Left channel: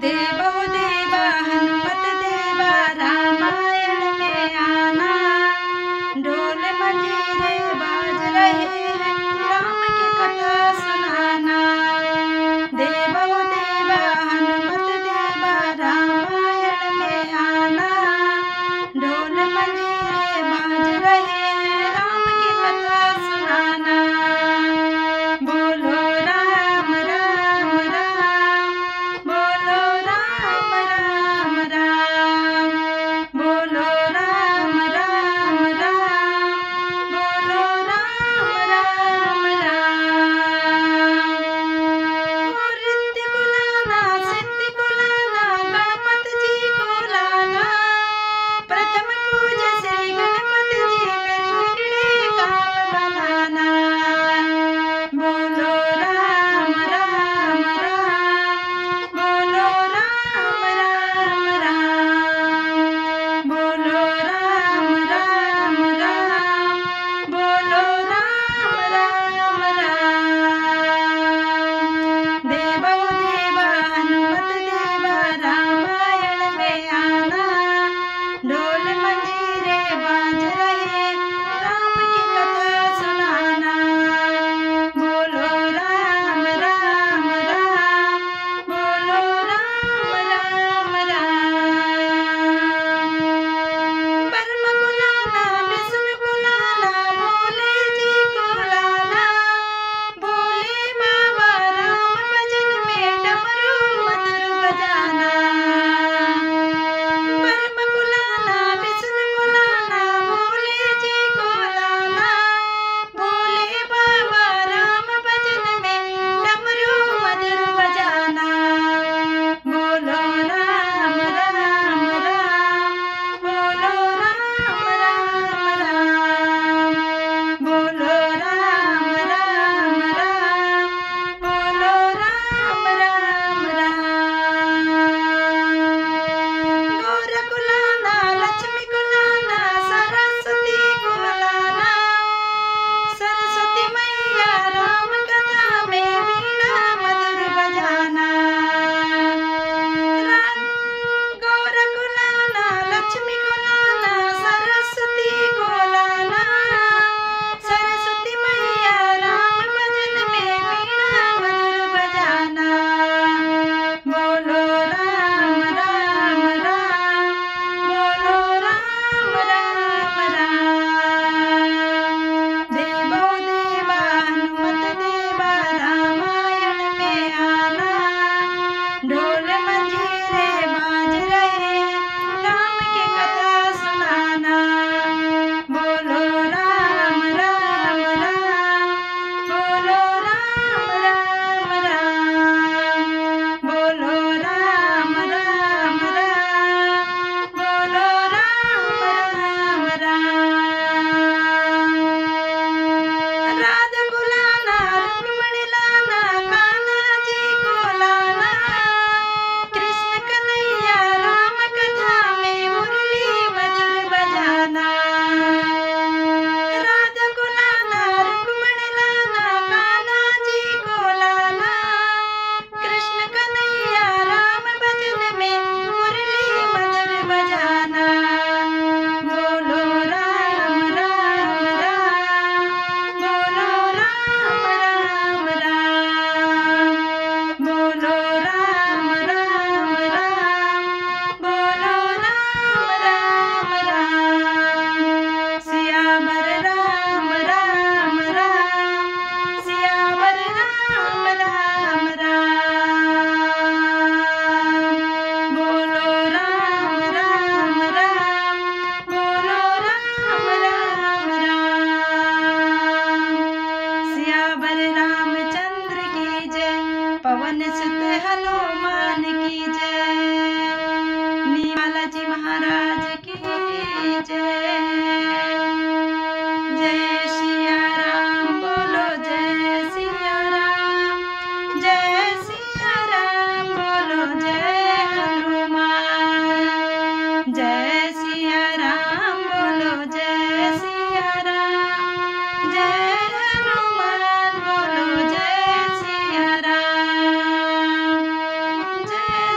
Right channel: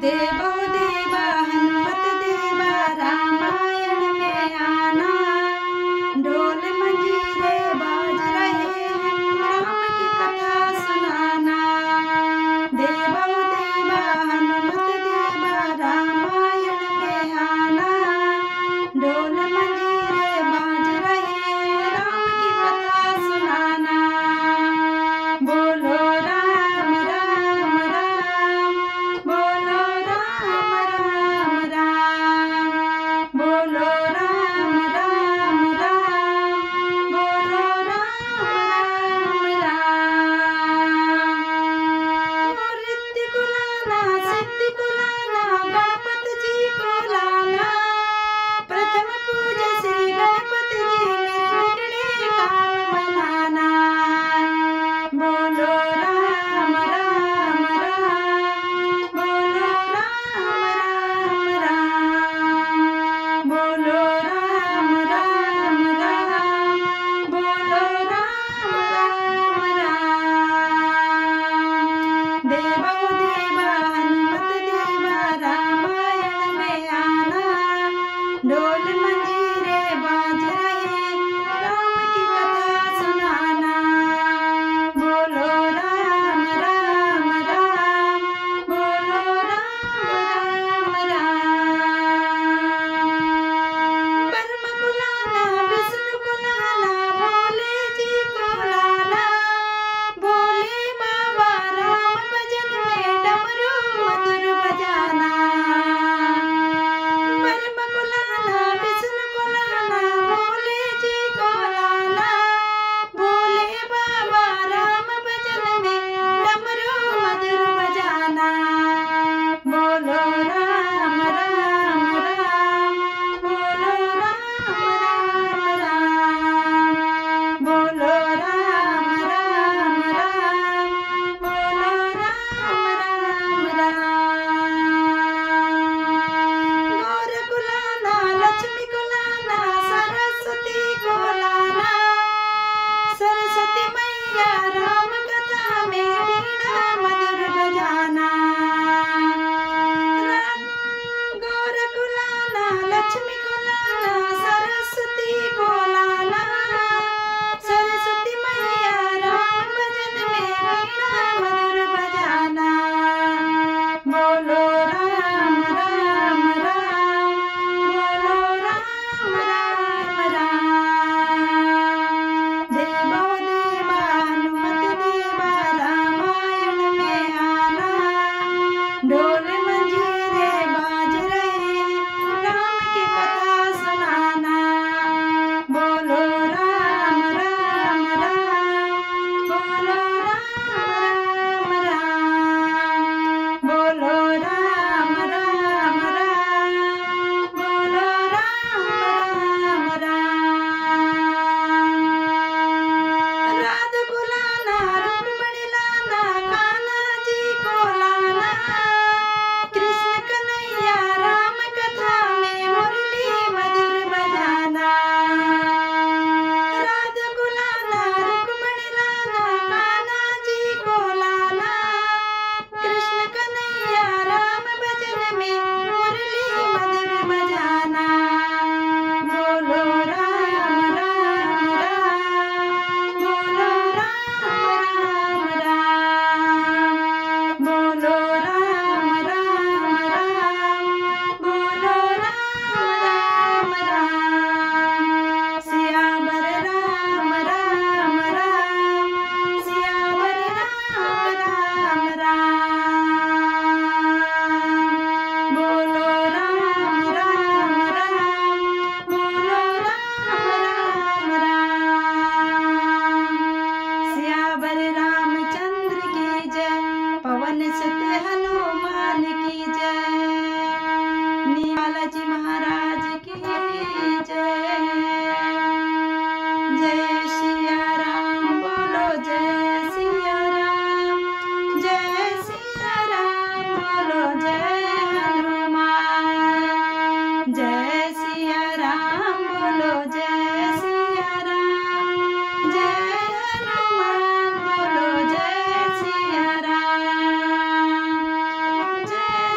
देवो देवा हनुमत देवा रामायण में आना। ढोल मंजीरे बाज रहे हैं राम की कथा सुनाना। देवो देवा हनुमत देवा रामायण में आना। ढोल मंजीरे बाज रहे हैं राम की कथा सुनाना। बोलो राम राम राम, बोलो राम राम राम, बोलो राम राम राम, बोलो राम राम राम। ओ रिद्धि को लाना, सिद्धि को लाना, गणपति जी को लाना। प्रथम पूजा श्री गणपति जी, मेरे बिगड़े काम बनाना। बोलो राम राम राम, बोलो राम राम राम, बोलो राम राम राम, बोलो राम राम राम। देवो देवा हनुमत देवा रामायण में आना। ढोल मंजीरे बाज रहे राम की कथा सुनाना। बोलो राम राम राम, बोलो राम राम राम। ब्रह्म को लाना, विष्णु को लाना, भोले जी को लाना। भोले बाबा राम भजन में डमरू मधुर बजाना। ब्रह्म को लाना, विष्णु को लाना, भोले जी को लाना। भोले बाबा राम भजन में डमरू मधुर बजाना। बोलो राम राम राम, बोलो राम राम राम, बोलो राम राम राम, बोलो राम राम राम। गौर को लाना, लक्ष्मी को लाना, सरस्वती को लाना। सरस्वती मैया राम कथा में वीणा मधुर बजाना। गौर को लाना, लक्ष्मी को लाना, सरस्वती को लाना। सरस्वती मैया राम भजन में वीणा मधुर बजाना। बोलो राम राम राम, बोलो राम राम राम। देवो देवा हनुमत देवा रामायण में आना। ढोल मंजीरे बाज रहे राम की कथा सुनाना। बोलो राम राम राम, बोलो राम राम राम, बोलो राम राम राम, बोलो राम राम राम। राधा को लाना, रुक्मणी लाना, कान्हा जी को लाना। कृष्ण कन्हैया राम कथा में मुरली मधुर बजाना। राधा को लाना, रुक्मणी लाना, कान्हा जी को लाना। कृष्ण कन्हैया राम भजन में मुरली मधुर बजाना। बोलो राम राम राम, बोलो राम राम राम, बोलो राम राम राम, बोलो राम राम राम। सियावर राम राम राम, सियावर राम राम राम। बोलो राम राम राम, बोलो राम राम राम। सियावर रामचंद्र की जय, पवन सुत हनुमान की जय, बालाजी महाराज की जय। जय सिया राम, बोलो जय सिया राम, जय सिया राम, बोलो जय हनुमान। जय सिया राम, बोलो जय सिया राम, जय हनुमान, बोलो जय सिया राम। जय